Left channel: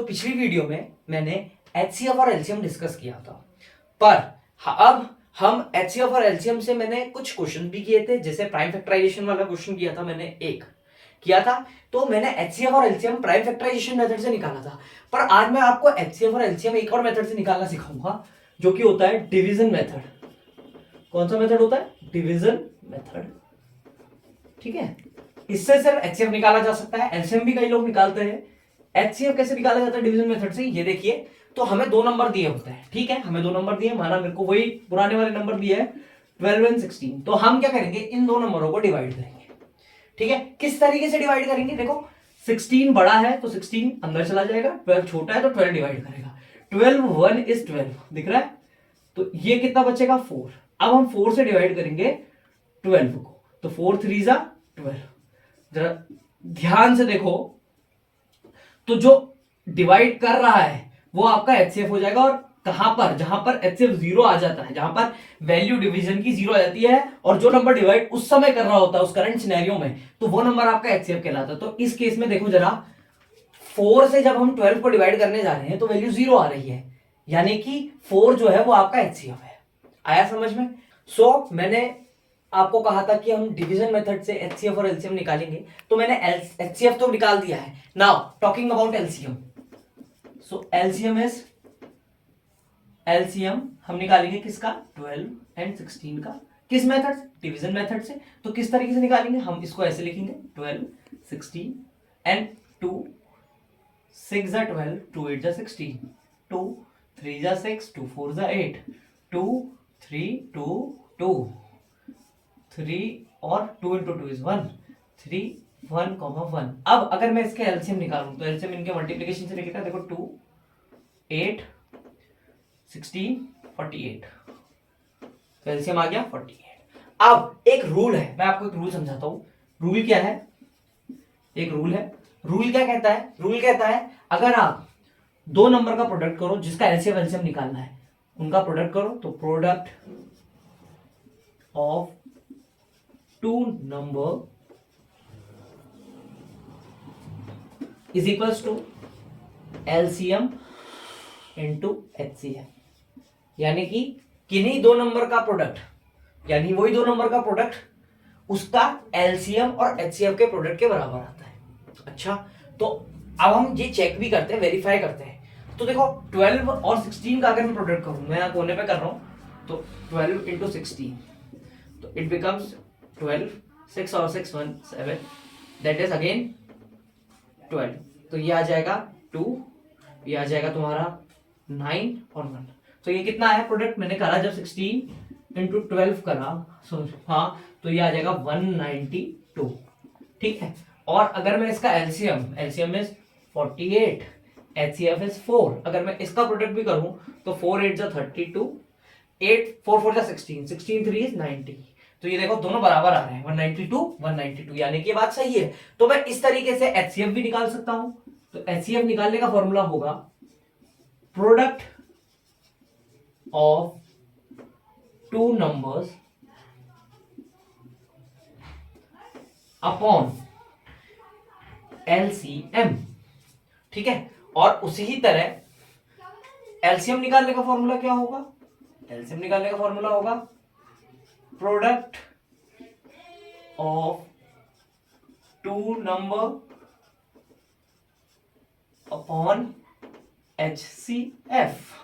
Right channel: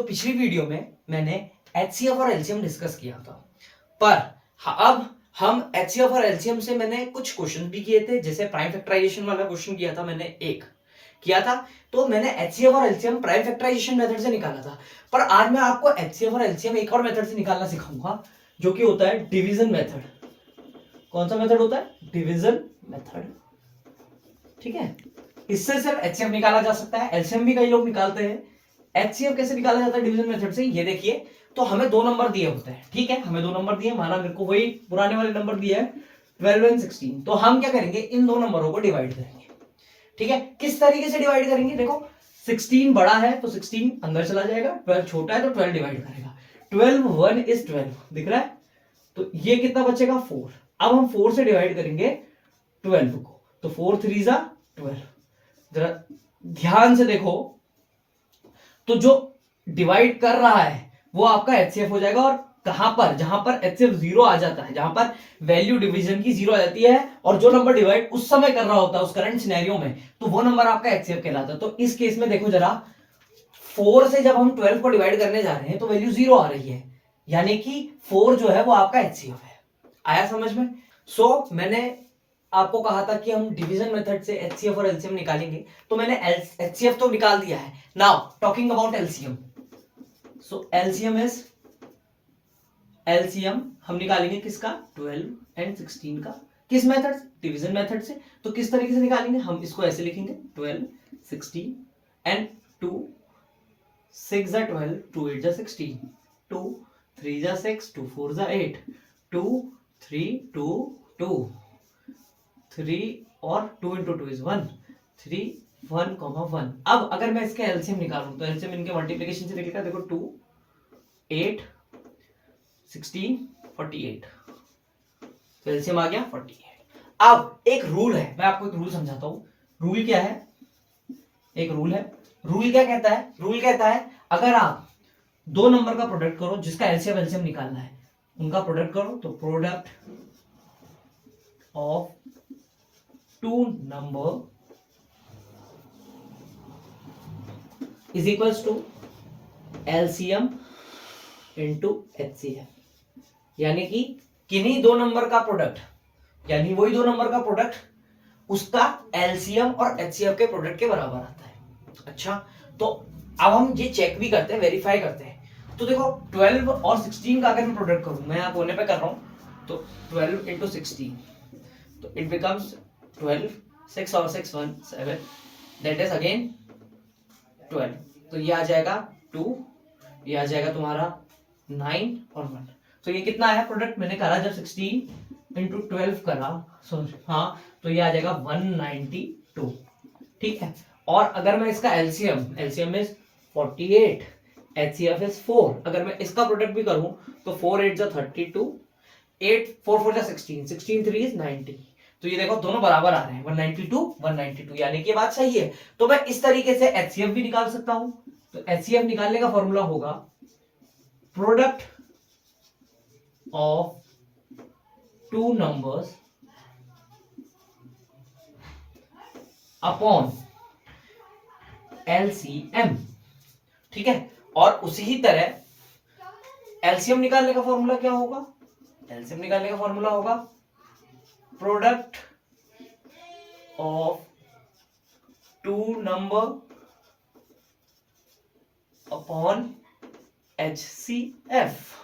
पिछली वीडियो में मैंने एचसीएफ और एलसीएम डिस्कस किया था, पर अब हम एचसीएफ और एलसीएम से मैंने कुछ क्वेश्चन भी किए थे। जैसे प्राइम फैक्टराइजेशन वाला क्वेश्चन किया था मैंने, एक किया था, तो मैंने एचसीएफ और एलसीएम प्राइम फैक्टराइजेशन मेथड से निकाला था। पर आज मैं आपको एचसीएफ और एलसीएम एक और मेथड से निकालना सिखाऊंगा, जो कि होता है डिवीजन मेथड। कौन सा मेथड होता है? Division method. ठीक है, इससे सिर्फ एचसीएफ निकाला जा सकता है, एलसीएम भी कई लोग निकालते हैं। एचसीएफ कैसे निकाला जाता है डिवीजन मेथड से? ये देखिए, तो हमें दो नंबर दिए होते हैं। ठीक है, हमें दो नंबर दिए, माना मेरे को वही पुराने वाले नंबर दिए हैं 12 एंड 16। तो हम क्या करेंगे, इन दो नंबरों को डिवाइड करेंगे। ठीक है, किस तरीके से डिवाइड करेंगे? देखो, 16 बड़ा है तो 16 अंदर चला जाएगा, 12 छोटा है तो 12 डिवाइड करेगा। 12 1 is 12 दिख रहा है, तो ये कितना बचेगा? 4। अब हम 4 से डिवाइड करेंगे 12 को, तो 4 3 जा 12। जरा ध्यान से देखो, तो जो डिवाइड कर रहा है वो आपका एचसीएफ हो जाएगा। और कहां पर? जहां पर एचसीएफ 0 आ जाता है, जहां पर वैल्यू डिवीजन की 0 आ जाती है और जो नंबर डिवाइड उस समय कर रहा होता है उस करंट सिनेरियो में, तो वो नंबर आपका एचसीएफ कहलाता है। तो इस केस में देखो जरा, 4 से जब हम 12 को डिवाइड करने जा रहे हैं तो वैल्यू 0 आ रही है, यानी कि 4 जो है वो आपका एचसीएफ है। आया समझ में? मैंने आपको कहा था कि हम डिवीजन मेथड से एचसीएफ और एलसीएम निकालेंगे, तो मैंने एचसीएफ तो निकाल दिया है। Now talking about LCM. LCM हम निकालेंगे किसका? 12 एंड 16 का। किस मेथड से? डिवीजन मेथड से। तो किस तरीके से निकालेंगे? हम इसको ऐसे लिखेंगे, 12 16 एंड 2 6 जा 12, 2 8 जा 16, 2 3 जा 6, 2 4 जा 8, 2 3 2 2 3 और 2 into 2 is 1, 3 1, 1। अब अगर मैं इसके एलसीएम निकालूं तो एलसीएम इनके मल्टीप्लिकेशन से निकलेगा। देखो, 2 8 16 48, तो एलसीएम आ गया 48। अब एक रूल है, मैं आपको एक रूल समझाता हूं। रूल क्या है? एक रूल है। रूल क्या कहता है? रूल कहता है अगर आप दो नंबर का प्रोडक्ट करो जिसका एलसीएम एलसीएम निकालना है, उनका प्रोडक्ट करो, तो product of two number is equals to LCM into HCF. यानी कि किन्हीं दो नंबर का प्रोडक्ट, यानी वही दो नंबर का प्रोडक्ट उसका एलसीएम और एचसीएफ के प्रोडक्ट के बराबर आता है। अच्छा, तो अब हम ये चेक भी करते हैं, वेरीफाई करते हैं। तो देखो, 12 और 16 का अगर मैं प्रोडक्ट करूं, मैं यहां कोने पे कर रहा हूं, तो 12 इंटू 16, तो इट बिकम्स 12, 6 और 6 1 7, दैट इज अगेन 12। तो ये आ जाएगा 2, ये आ जाएगा तुम्हारा 9 और 1। तो ये कितना है प्रोडक्ट? मैंने करा जब 16 इंटू 12 करा, सॉरी हाँ, तो ये आ जाएगा 192। ठीक है, और अगर मैं इसका एलसीएम इज 48, एचसीएफ इज 4, अगर मैं इसका प्रोडक्ट भी करूं तो 4 8 जा 32, 8 4 4 जा 16, 16 3 इज 90। तो ये देखो दोनों बराबर आ रहे हैं, 192 192, यानी कि बात सही है। तो मैं इस तरीके से एचसीएफ भी निकाल सकता हूं। तो एचसीएफ निकालने का फॉर्मूला होगा product of two numbers upon LCM. ठीक है, और उसी ही तरह एलसीएम निकालने का फॉर्मूला क्या होगा? एलसीएम निकालने का फॉर्मूला होगा product of two number upon HCF.